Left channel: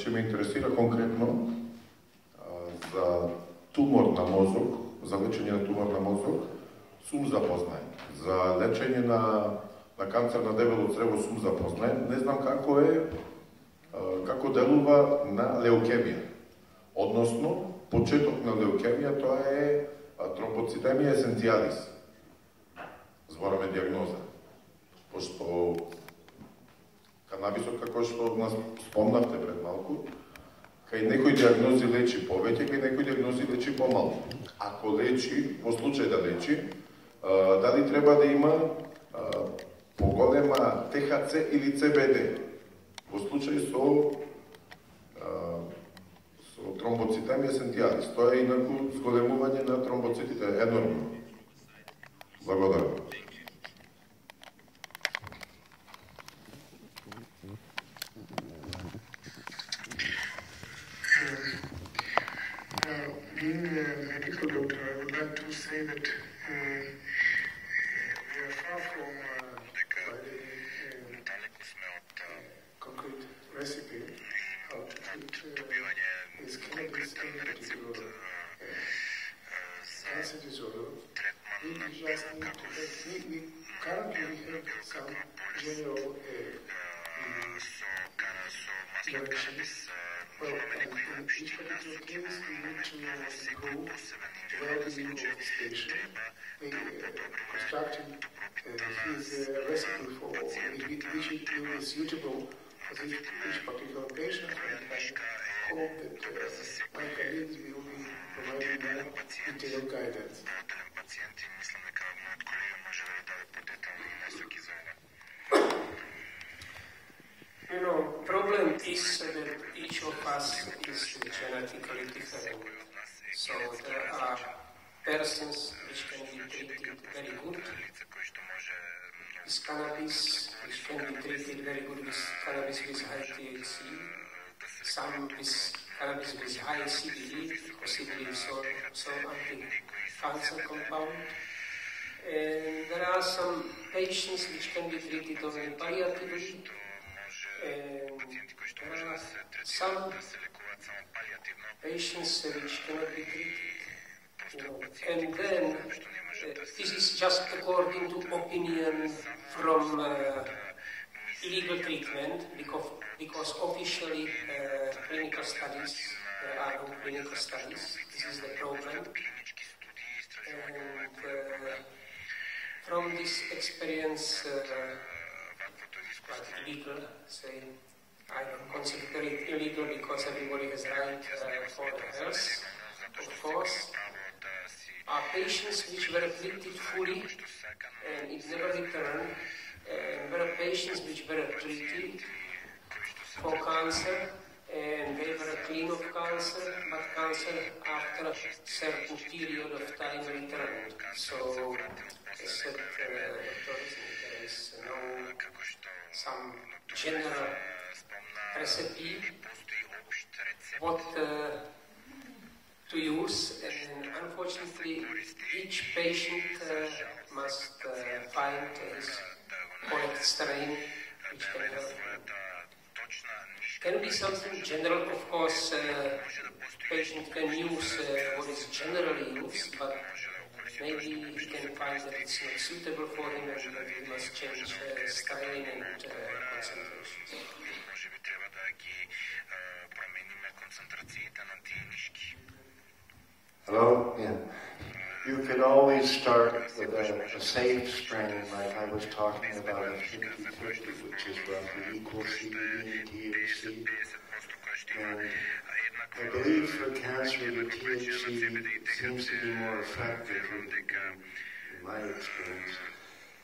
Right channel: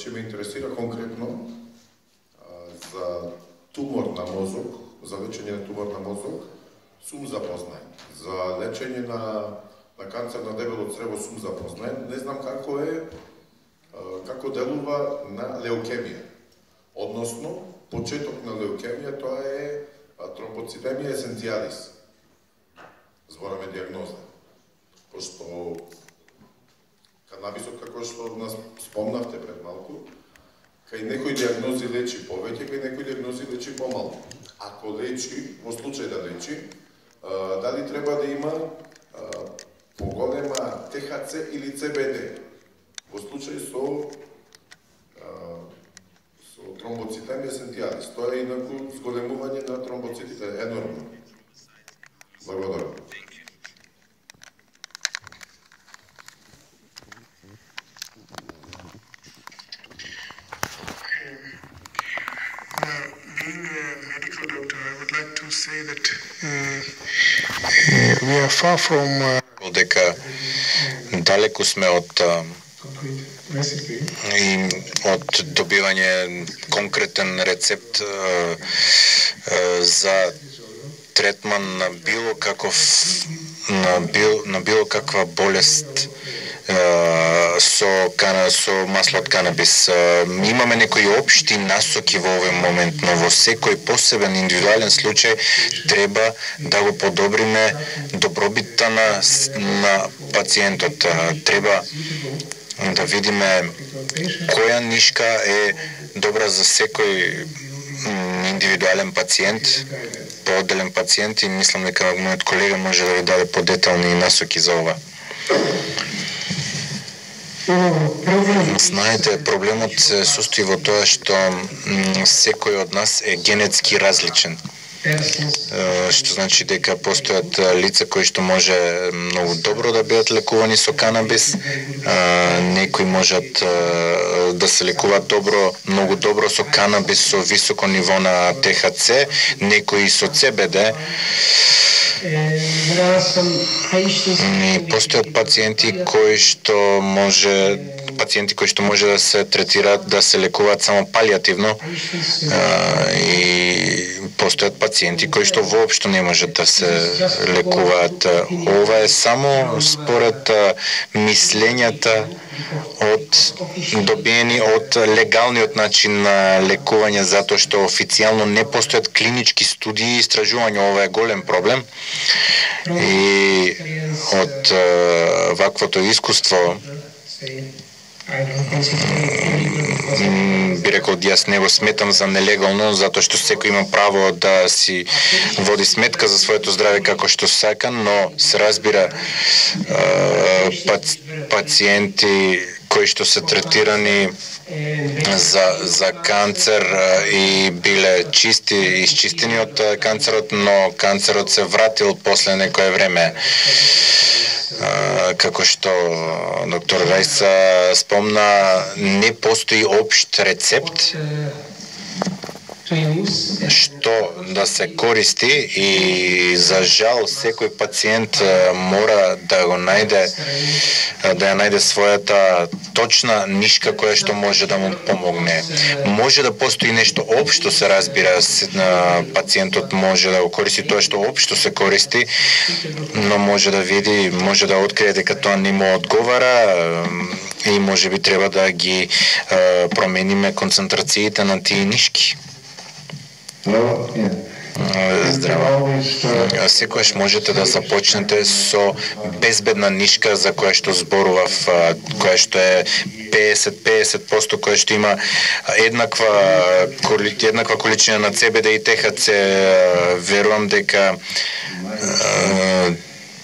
Значи ме интересира конкретно за тумор на мозок, за лечење на тумор на мозок, сум запознаен. За лечење на канцер на дебело црево сум запознаен. Не знам како делува на леукемија. Односно, почеток на леукемија тоа е тромбоцитемија есенцијалис. Збораме диагноза. Пошто канабисот, како што нас спомнавте пред малку, кај некои диагнози лечи повеќе, кај некои диагнози лечи помалку. Ако лечи, во случај да лечи, дали треба да има поголема ТХЦ или ЦБД? Во случај со тромбоцитемија есенцијалис. Тоа е инаку зголемување на тромбоцитите енормно. Благодарам. Being a medical doctor, I would like to say that we are far from дека далеку сме од добивање конкретен рецепт за третман на било каква болест со масло од канабис. Имаме некои општи насоки во овој момент, но во секој посебен индивидуален случај треба да го подобриме добробитта на пациентот. Треба да видиме која нишка е добра за секој индивидуален пациент, поотделен пациент, и мислам дека мојот колега може да ви даде подетални насоки за ова. Знаете, проблемот се состои во тоа што секој од нас е генетски различен. Што значи дека постојат лица кои што може многу добро да бидат лекувани со канабис, некои можат да се лекуваат многу добро со канабис со високо ниво на ТХЦ, некои со ЦБД. И постојат пациенти кои што може да се третираат, да се лекуваат само палиативно, и постојат пациенти кои што воопшто не можат да се лекуваат. Ова е само според мислењата добиени од легалниот начин на лекување, затоа што официјално не постојат клинички студии и истражувања. Ова е голем проблем. И од ваквото искуство би рекол, јас не го сметам за нелегално, затоа што секој има право да си води сметка за своето здраве како што сака, но се разбира пациенти кои што се третирани за канцер и биле изчистени од канцерот, но канцерот се вратил после некое време. Како што доктор Рајса спомна, не постои општ рецепт што да се користи, и за жал секој пациент мора да ја најде својата точна нишка која што може да му помогне. Може да постои нешто општо, се разбира, пациентот може да го користи тоа што општо се користи, но може да види, може да открие дека тоа не му одговара, и може би треба да ги промениме концентрациите на тие нишки. Здраво. Секојаш можете да започнете со безбедна нишка за која што зборував, која што е 50%, која што има еднаква количина на ЦБД и ТХЦ. Верувам дека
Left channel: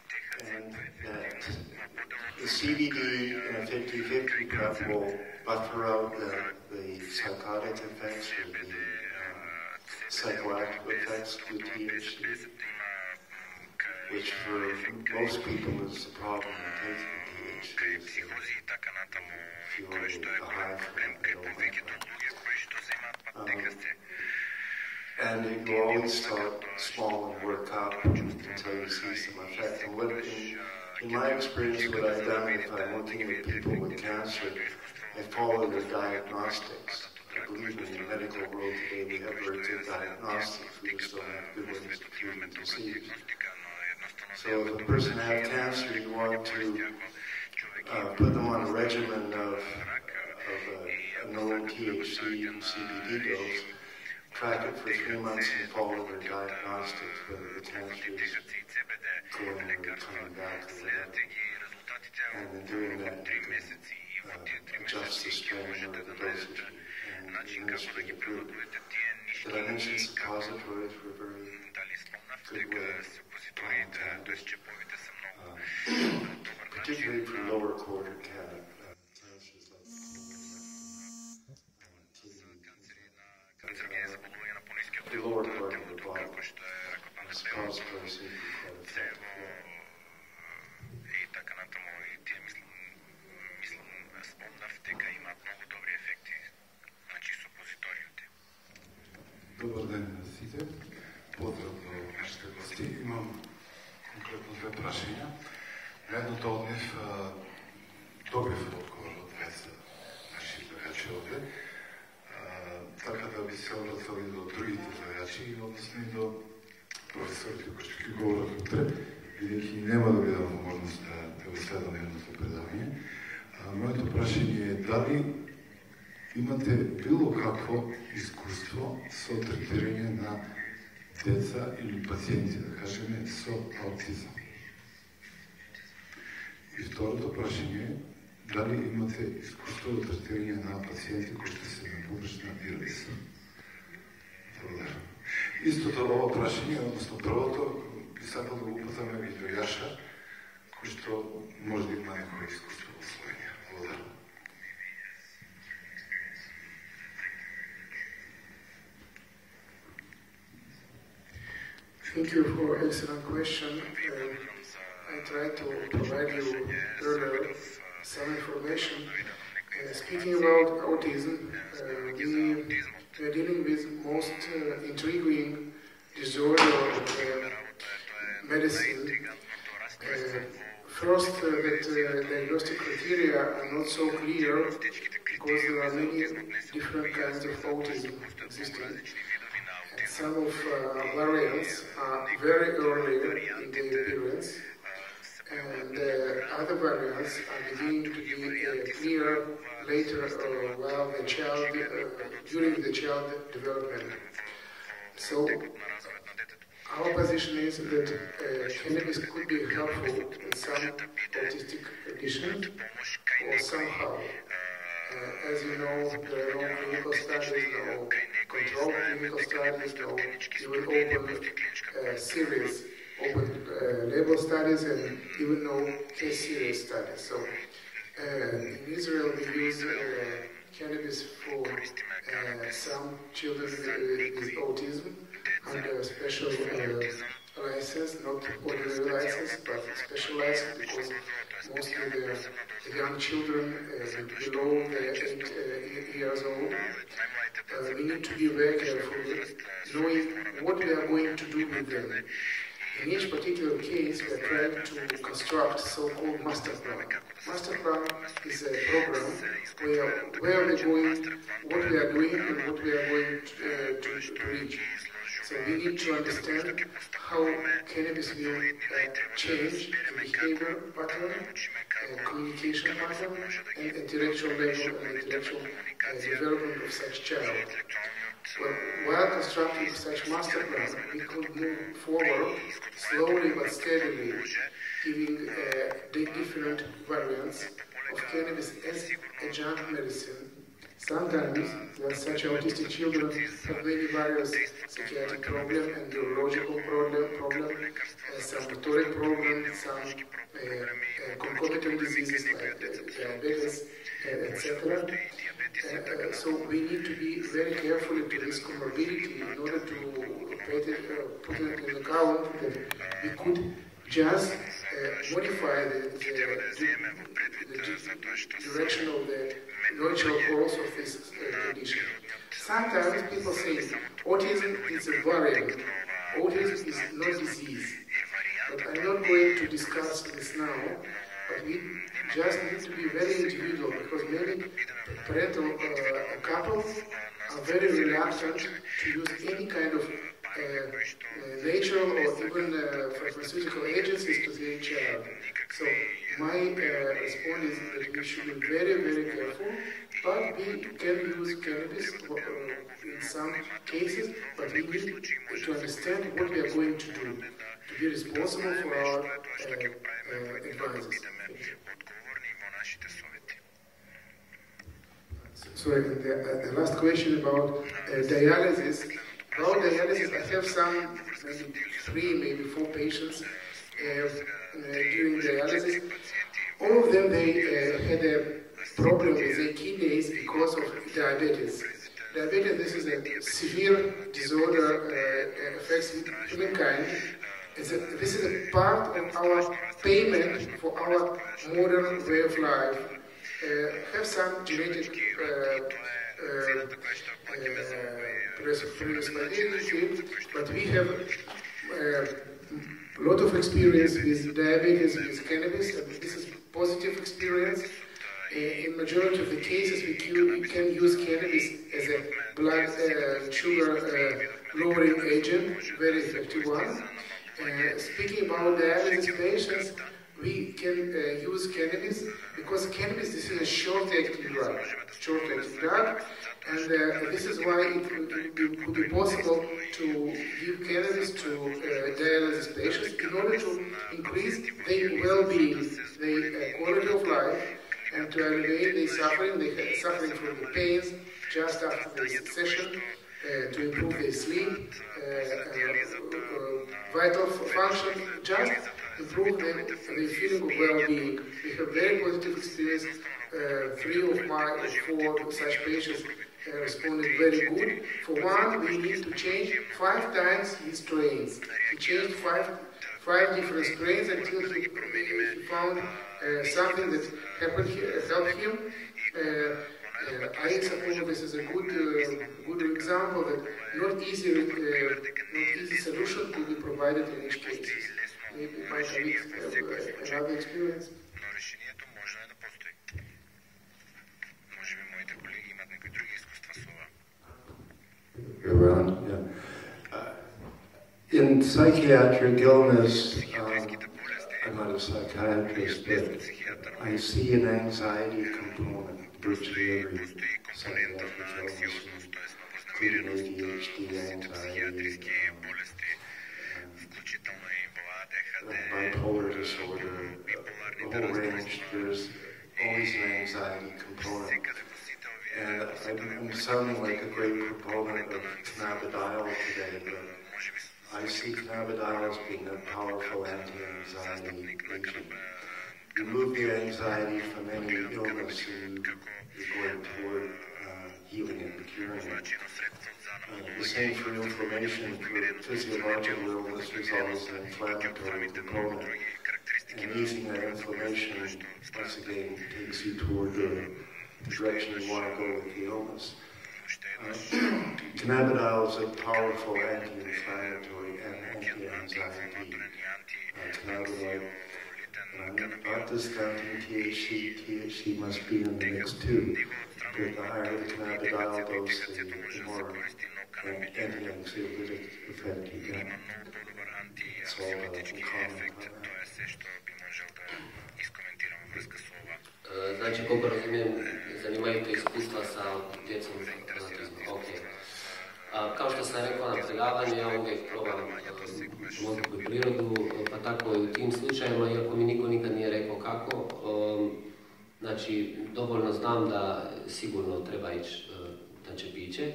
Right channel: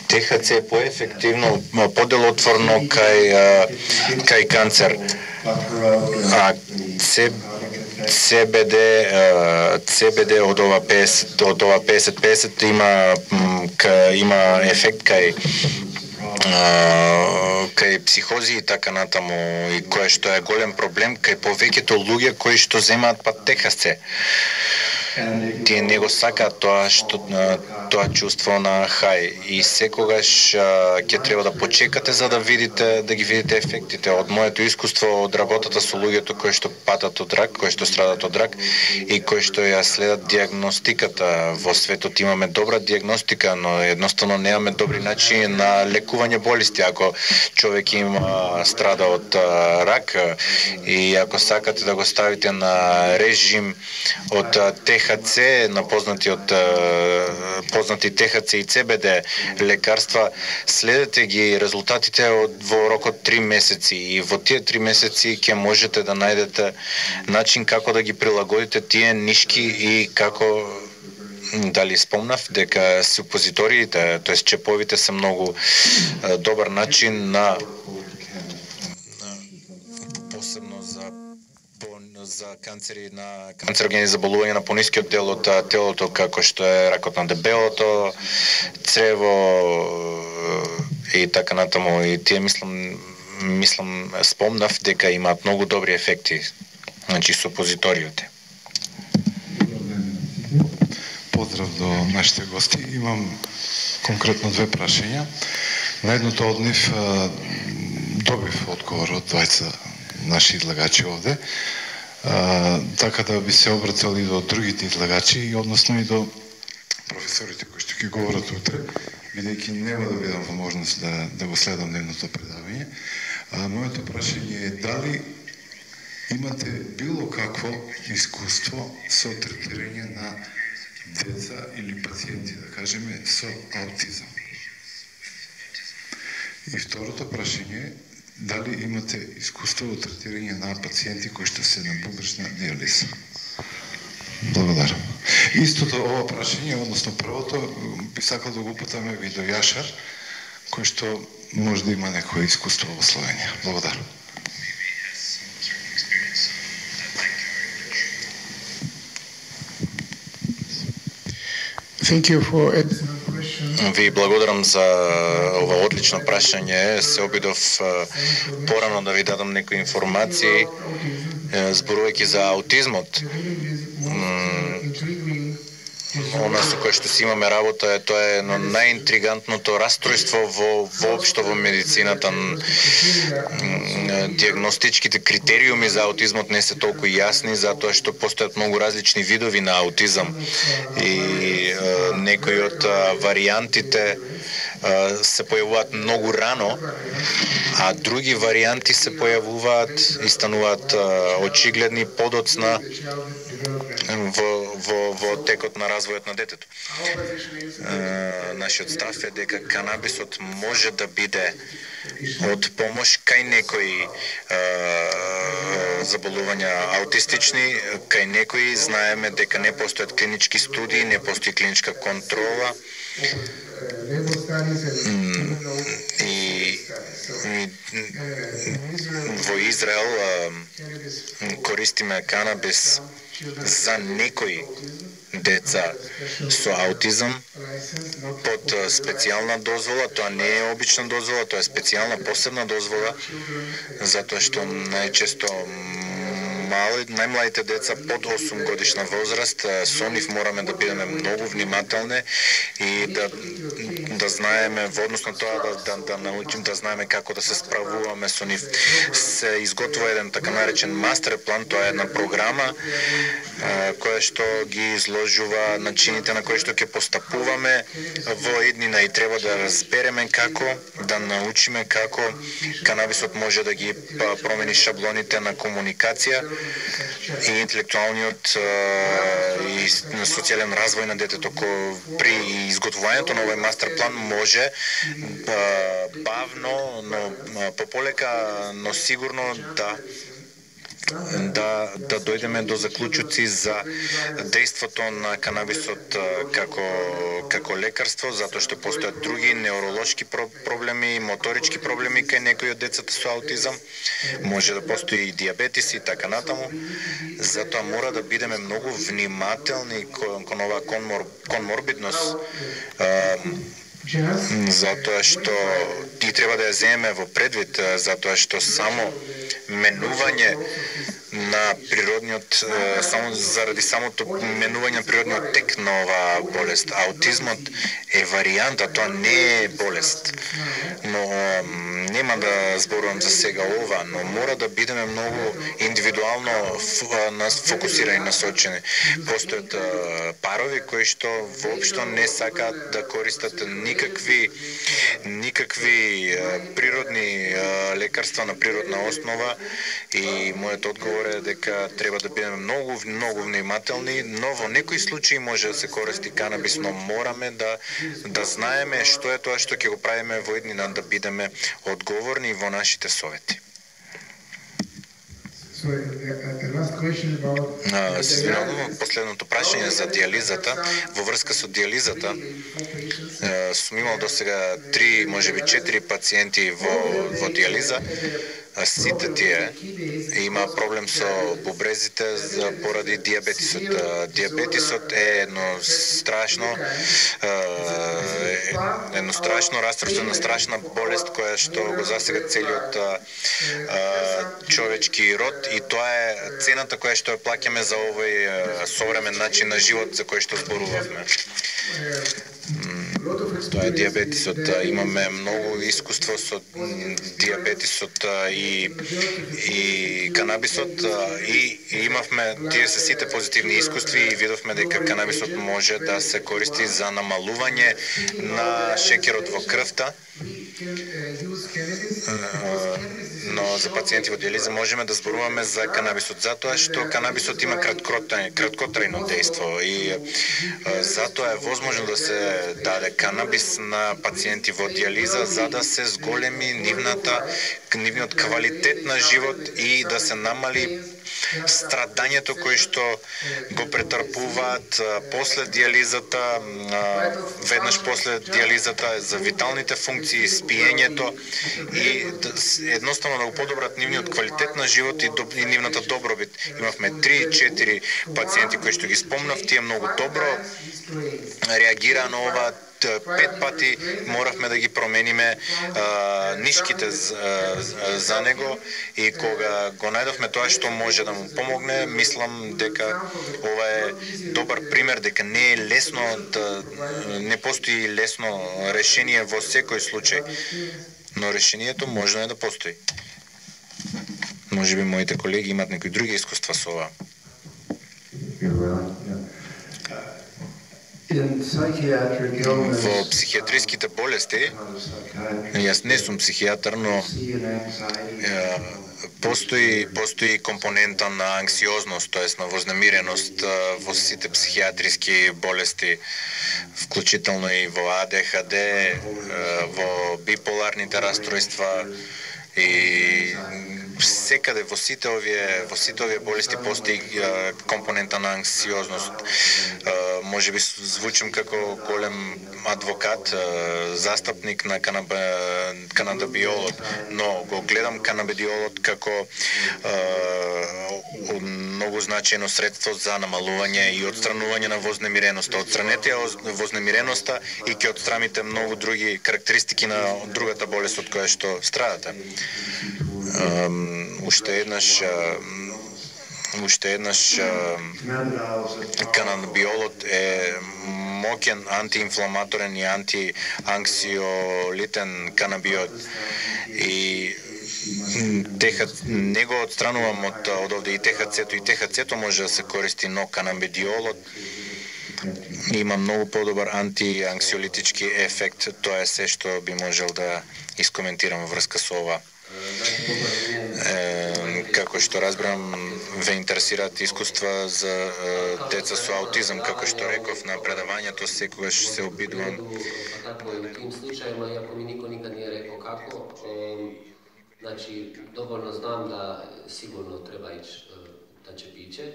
ТХЦ е поефективно, поделотворно кај канцер. CBD од ова 50-50 има ефект кај психози и така натаму, и кој што е голем проблем кај повеќето луѓе кои што земаат ТХЦ. Тие не го сакаат тоа чувство на хај и секогаш ќе треба да почекате за да ги видите ефектите. Од моето искуство од работата со луѓето кои што патат од рак, кои што страдат од рак и кои што ја следат диагностиката. Во светот имаме добра диагностика, но едноставно немаме добри начини на лекување болести. Ако човек има страда од рак и ако сакате да го ставите на режим од ТХЦ, на познати ТХЦ и ЦБД лекарства, следете ги резултатите во рок од 3 месеци и во тие 3 месеци ќе можете да најдете начин како да ги прилагодите тие нишки и како дали спомнав дека супозиториите, тоест чеповите се многу добар начин на посебно за канцери на канцерогени заболувања на понискиот дел од телото, како што е ракот на дебелото црево и така натаму. И тие мислам спомнав дека имаат многу добри ефекти, значи супозиториите. Поздрав до нашите гости. Имам конкретно 2 прашања. На едното од нив добив одговор од двајца наши излагачи овде. Така да би се обратил и до другите излагачи, и односно и до професорите кои што ќе говорат утре, бидејќи нема да видам возможност да го следам дневното предавање. Моето прашање е дали имате било какво искуство со третирање на деца или пациенти, да кажеме, со аутизам. И второто прашање е дали имате искуство во третирање на пациенти кои што се на погрешна диализа. Благодарам. Истото ова прашање, односно првото, би сакал да го упатаме и до Јашар, кој што може да има некое искуство во Словенија. Благодарам. Ви благодарам за ова одлично прашање. Се обидов порано да ви дадам некои информации зборувајќи за аутизмот. Она со кое што си имаме работа тоа е едно најинтригантното расстройство воопшто во медицината. Диагностичките критериуми за аутизмот не се толку јасни, затоа што постојат многу различни видови на аутизам и некои од варијантите се појавуваат многу рано, а други варијанти се појавуваат и стануваат очигледни подоцна во текот на развојот на детето. Нашиот став е дека канабисот може да биде од помош кај некои заболувања аутистични, кај некои знаеме дека не постојат клинички студии, не постои клиничка контрола. И во Израел користиме канабис за некои деца со аутизам под специјална дозвола. Тоа не е обична дозвола, тоа е специјална посебна дозвола, затоа што најчесто најмладите деца под 8 годишна возраст, со нив мораме да бидеме многу внимателни и да знаеме во однос на тоа да научим да знаеме како да се справуваме со нив. Се изготвува еден така наречен мастер план, тоа е една програма која што ги изложува начините на кои што ќе постапуваме во иднина и треба да разбереме како да научиме како канабисот може да ги промени шаблоните на комуникација и интелектуалниот и социјален развој на детето. При изготвувањето на овој мастер план може бавно, но пополека, но сигурно да дојдеме до заклучоци за дејството на канабисот како лекарство, затоа што постојат други невролошки проблеми, моторички проблеми кај некои од децата со аутизам, може да постои и диабетис и така натаму. Затоа мора да бидеме многу внимателни кон оваа конморбидност, затоа што и треба да ја земеме во предвид, затоа што само менување на природниот, само заради самото именување на природниот тек на оваа болест. Аутизмот е варијанта, тоа не е болест. Но нема да зборувам за сега ова, но мора да бидеме многу индивидуално фокусирани, насочени. Постојат парови кои што воопшто не сакаат да користат никакви природни лекарства на природна основа и мојот одговор е дека треба да бидеме многу внимателни, но во некои случаи може да се користи канабис, но мораме да знаеме што е тоа што ќе го правиме во иднина, да бидеме одговорни во нашите совети. Последното прашање за диализата, во врска со диализата, сум имал до сега 3, можеби 4 пациенти во диализа. Сите тие има проблем со бубрезите поради диабетисот. Диабетисот е едно страшно растроствена, страшна болест која што го засега целиот човечки род и тоа е цената која што ја плаќаме за овој современ начин на живот за кој што зборувавме. Тоа е диабетисот. Имаме многу искуство со диабетисот и канабисот и имавме тие се сите позитивни искуства и видовме дека канабисот може да се користи за намалување на шеќерот во крвта. Но за пациенти во диализа можеме да зборуваме за канабисот затоа што канабисот има краткотрајно дејство и затоа е возможно да се даде канабис на пациенти во диализа за да се зголеми нивниот квалитет на живот и да се намали страдањето кое што го претрпуваат после диализата, веднаш после диализата, за виталните функции, спиењето и едноставно да го подобрат нивниот квалитет на живот и нивната добробит. Имавме 3-4 пациенти кои што ги спомнав, тие многу добро реагираа на ова. 5 пати моравме да ги промениме нишките за него и кога го најдовме тоа што може да му помогне, мислам дека ова е добар пример дека не е лесно не постои лесно решение во секој случај, но решението можно е да постои. Можеби моите колеги имат некои други искуства со ова. Во психијатриските болести, јас не сум психијатар, но постои компонента на анксиозност, тоест на вознемиреност во сите психијатриски болести, вклучително и во АДХД, во биполарните расстройства и секаде во сите овие болести постои компонента на анксиозност. Може би звучам како голем адвокат, застапник на канабидиолот, но го гледам канабидиолот како многу значајно средство за намалување и отстранување на вознемиреноста. Отстранете вознемиреноста и ќе отстраните многу други карактеристики на другата болест од која што страдате. Уште еднаш канабидиолот е моќен антиинфламаторен и антианксиолитен канабиот и не го отстранувам од овде и ТХЦ-то. И ТХЦ-то може да се користи, но канабидиолот има многу подобар антианксиолитички ефект. Тоа е се што би можел да искоментирам во врска со ова. Како што разбрам, ве интересираат искуства за деца со аутизам, како што реков на предавањето, секогаш се обидувам. Tako je u tim slučajevima, iako mi niko nikad nije rekao kako, znači dovoljno znam da sigurno treba ići da će piće,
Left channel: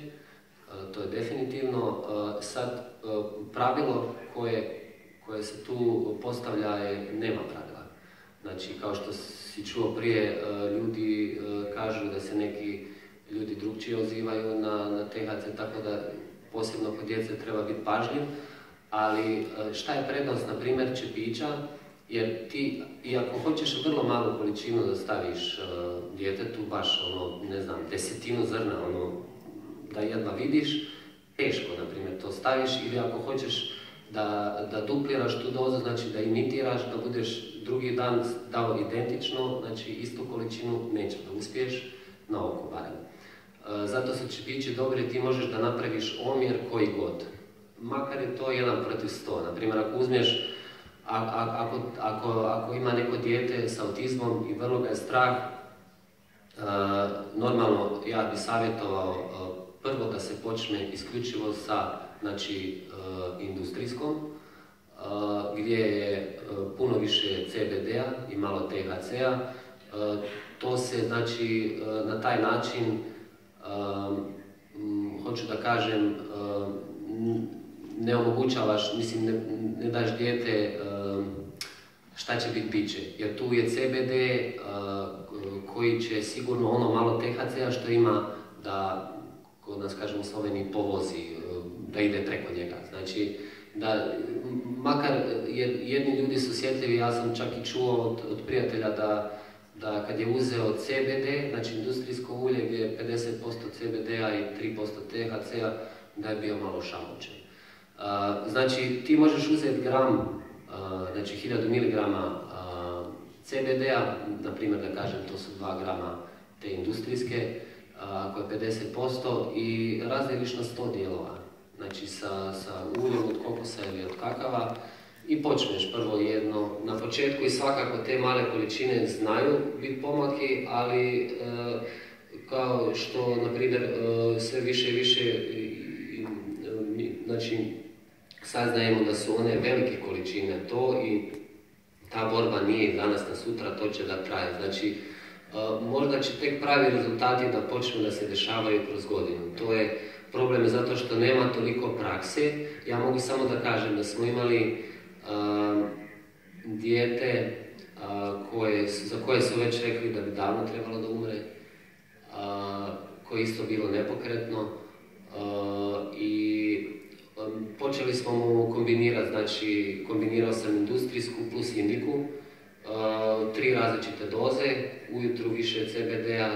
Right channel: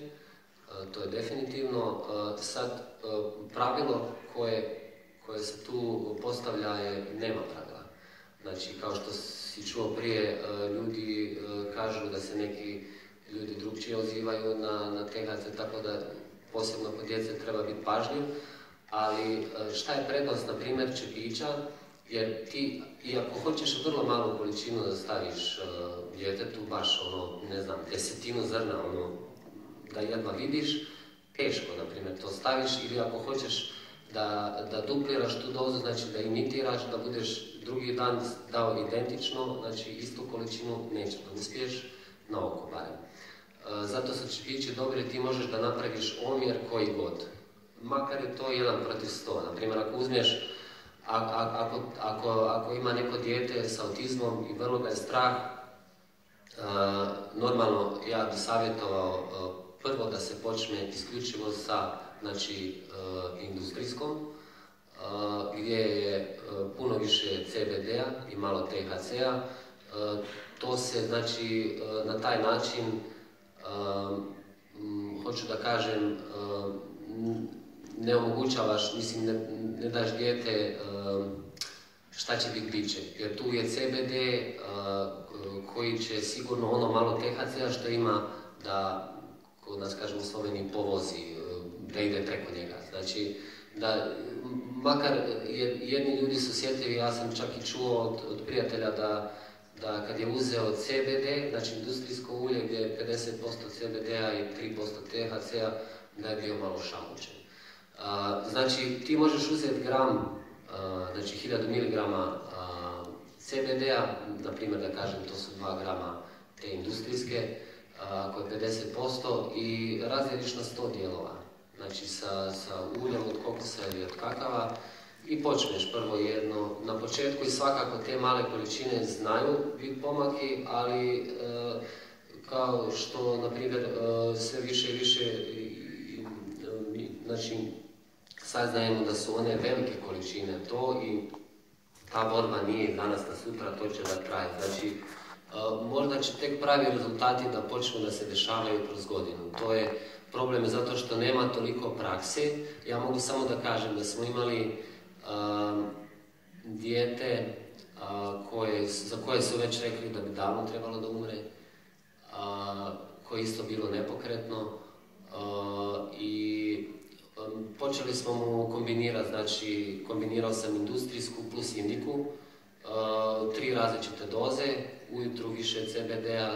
to je definitivno. Sad, pravilo koje se tu postavlja je nema pravila. Znači, kao što si čuo prije, ljudi kažu da se neki ljudi drugčije ozivaju na THC, tako da posebno kod djece treba biti pažljiv. Ali šta je prednost, na primjer, čepića Jer ti, i ako hoćeš vrlo malu količinu da staviš djetetu, baš ne znam, 10 zrna, da jedva vidiš, teško, na primjer, to staviš, ili ako hoćeš da dupliraš tu dozu, znači da imitiraš, da budeš drugi dan dao identično, znači istu količinu neće da uspiješ, na oko barem. Zato su čepići dobri, ti možeš da napraviš omjer koji god. Makar je to 1:100. Naprimjer, ako uzmeš, ako ima neko dijete s autizmom i vrlo ga je strah, normalno ja bi savjetovao prvo da se počne isključivo sa industrijskom, gdje je puno više CBD-a i malo THC-a. To se, znači, na taj način, hoću da kažem, ne omogućavaš, mislim, ne daš dijete šta će biti biće. Jer tu je CBD koji će sigurno ono malo THC-a što ima da, kod nas kažemo u Sloveniji, povozi, da ide preko njega. Znači, da, makar jedni ljudi su osjetljivi, ja sam čak i čuo od prijatelja da kad je uzeo CBD, znači industrijsko ulje gdje je 50% CBD-a i 3% THC-a, da je bio malo šalučen. Znači, ti možeš uzeti gram, znači 1000 mg CBD-a, na primjer da kažem, to su 2 grama te industrijske, ako je 50%, i razdeliš na 100 dijelova. Znači, sa uljem od kokosa ili od kakava, i počneš prvo jedno. Na početku i svakako te male količine znaju biti pomaki, ali kao što, na primjer, sve više i više, znači, saznajemo da su one velike količine to, i ta borba nije danas na sutra, to će da traje. Znači, možda će tek pravi rezultati da počnu da se dešavaju kroz godinu. To je problem zato što nema toliko prakse. Ja mogu samo da kažem da smo imali dijete za koje su već rekli da bi davno trebalo da umre, koje je isto bilo nepokretno, i počeli smo mu kombinirati, znači kombinirao sam industrijsku plus indiku, 3 različite doze, ujutru više CBD-a,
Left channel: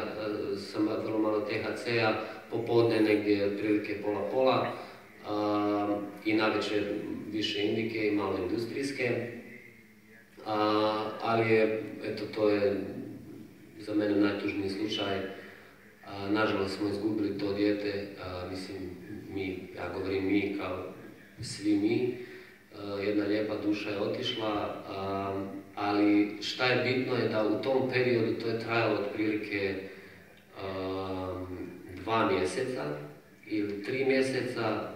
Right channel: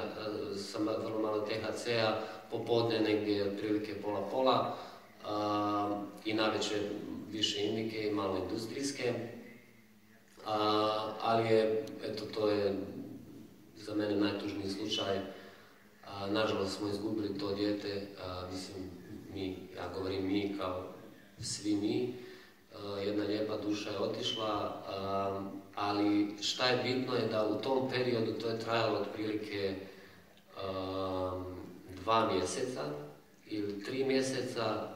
vrlo malo THC-a, popodne negdje otprilike pola-pola, i navečer više indike i malo industrijske, ali je, eto, to je za mene najtužniji slučaj. Nažalost smo izgubili to dijete, mislim, ja govorim mi kao svi mi, jedna lijepa duša je otišla, ali šta je bitno je da u tom periodu, to je trajalo otprilike 2 mjeseca ili 3 mjeseca,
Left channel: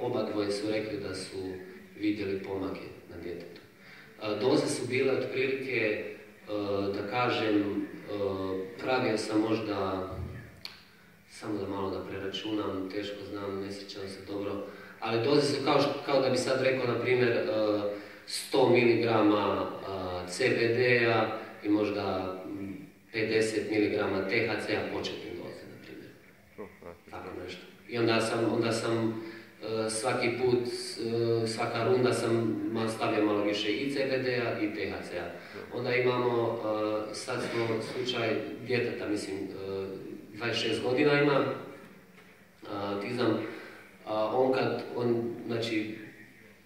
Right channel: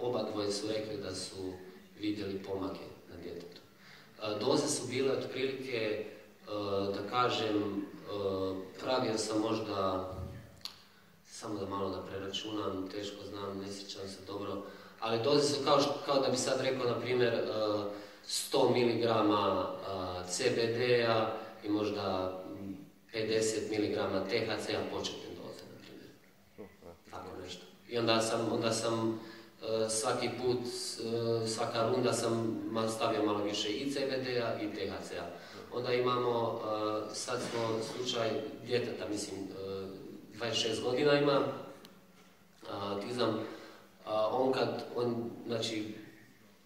oba dvoje su rekli da su vidjeli pomake na djetetu. Doze su bile otprilike, da kažem, pravio sam možda, samo da malo da preračunam, teško znam, ne sjećam se dobro, ali doze su kao da bi sad rekao, na primjer, 100 mg CBD-a i možda 50 mg THC-a početne doze, na primjer. Tako nešto. I onda sam svaki put, svaka runda sam stavio malo više i CBD-a i THC-a. Onda imamo, sad smo slučaj djeteta, mislim, 26 godina ima, autizam. On, znači,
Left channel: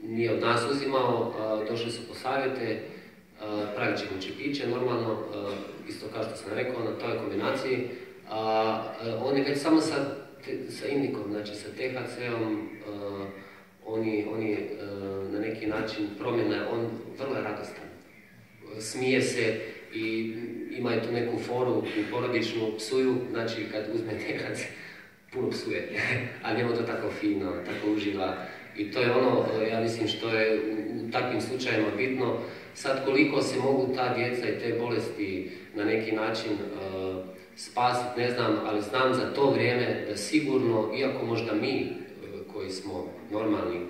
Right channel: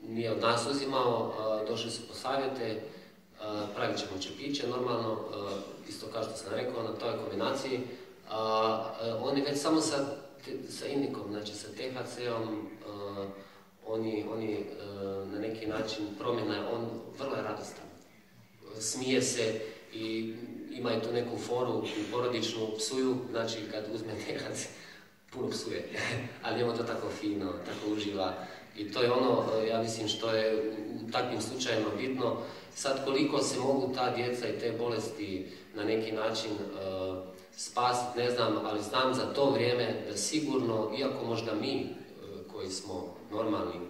nije od nas uzimao, došli su po savjete, pravit ćemo čepiće, normalno, isto kao što sam rekao, na toj kombinaciji. On je već samo sa indikom, znači sa THC-om, oni na neki način promjena, on vrlo je radostan. Smije se i ima tu neku foru i porodičnu, psuju, znači kad uzme THC, puno psuje, ali njemu to tako fino, tako uživa. I to je ono, ja mislim, što je u takvim slučajima bitno. Sad koliko se mogu ta djeca i te bolesti na neki način spasiti, ne znam, ali znam za to vrijeme da sigurno, iako možda mi koji smo normalni,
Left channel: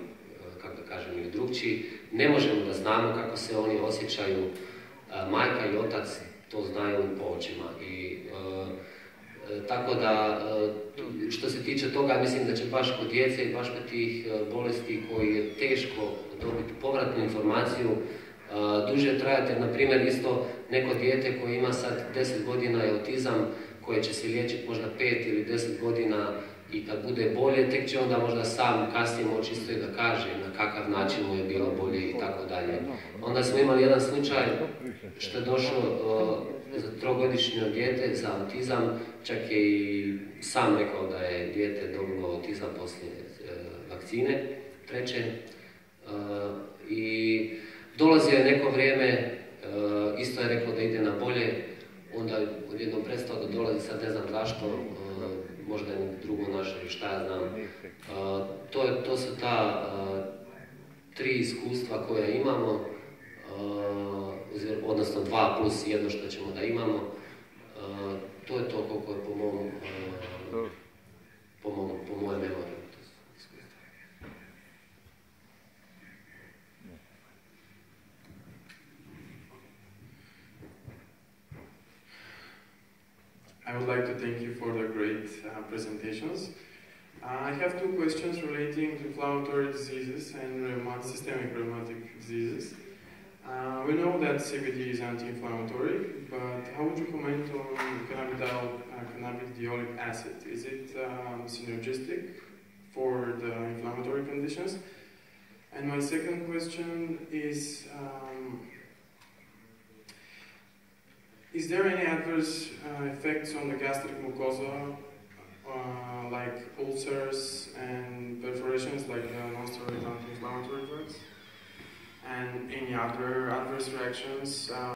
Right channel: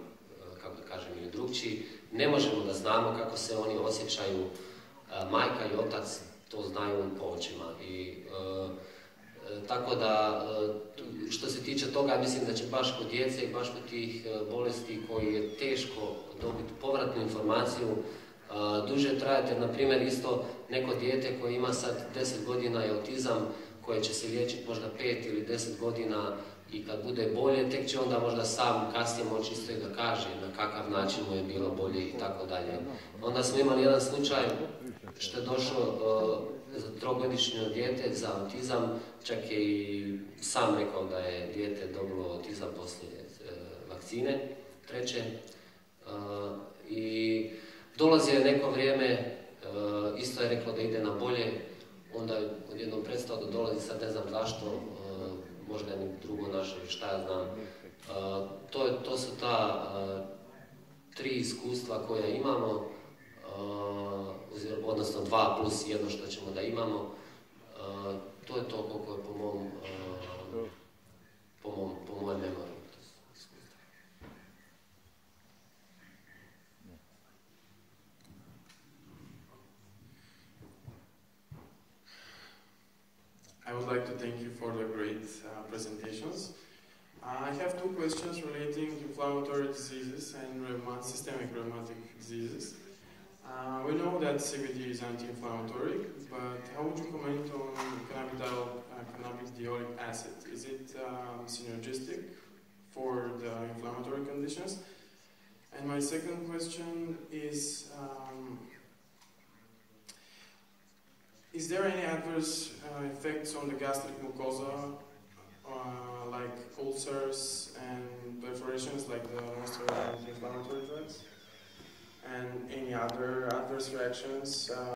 kako da kažem, ili drugčiji, ne možemo da znamo kako se oni osjećaju, majka i otac to znaju po očima. I tako da, što se tiče toga, mislim da će baš kod djece i baš kod tih bolesti koji je teško dobiti povratnu informaciju, duže trajati, jer na primjer isto neko dijete koje ima sad 10 godina i autizam, koje će se liječiti možda 5 ili 10 godina i kad bude bolje, tek će onda možda sam kasnije moći isto i da kaže na kakav način mu je bilo bolje i tako dalje. Onda smo imali jedan slučaj što je došao za 3-godišnje dijete za autizam, čak je i sam rekao da je dijete dobilo autizam poslije vakcine, 3. I dolazio je neko vrijeme, isto je reklo da ide na bolje, onda je odjednom prestao da dolazi, sad ne znam zašto, možda je drugo našao ili šta ja znam. To su ta 3 iskustva koja imamo, odnosno 2 plus 1 što ćemo da imamo. To je to koliko je po mojem memoriju. I would like to thank you for the great presentations. I have 2 questions relating to inflammatory diseases and systemic rheumatic diseases. We know that CBD is anti-inflammatory, but how would you comment on cannabidiolic acid? Is it synergistic for the inflammatory conditions? And my second question is there any adverse effects on the gastric mucosa, like ulcers and perforations, like the non-steroidal anti-inflammatory drugs? And any other adverse reactions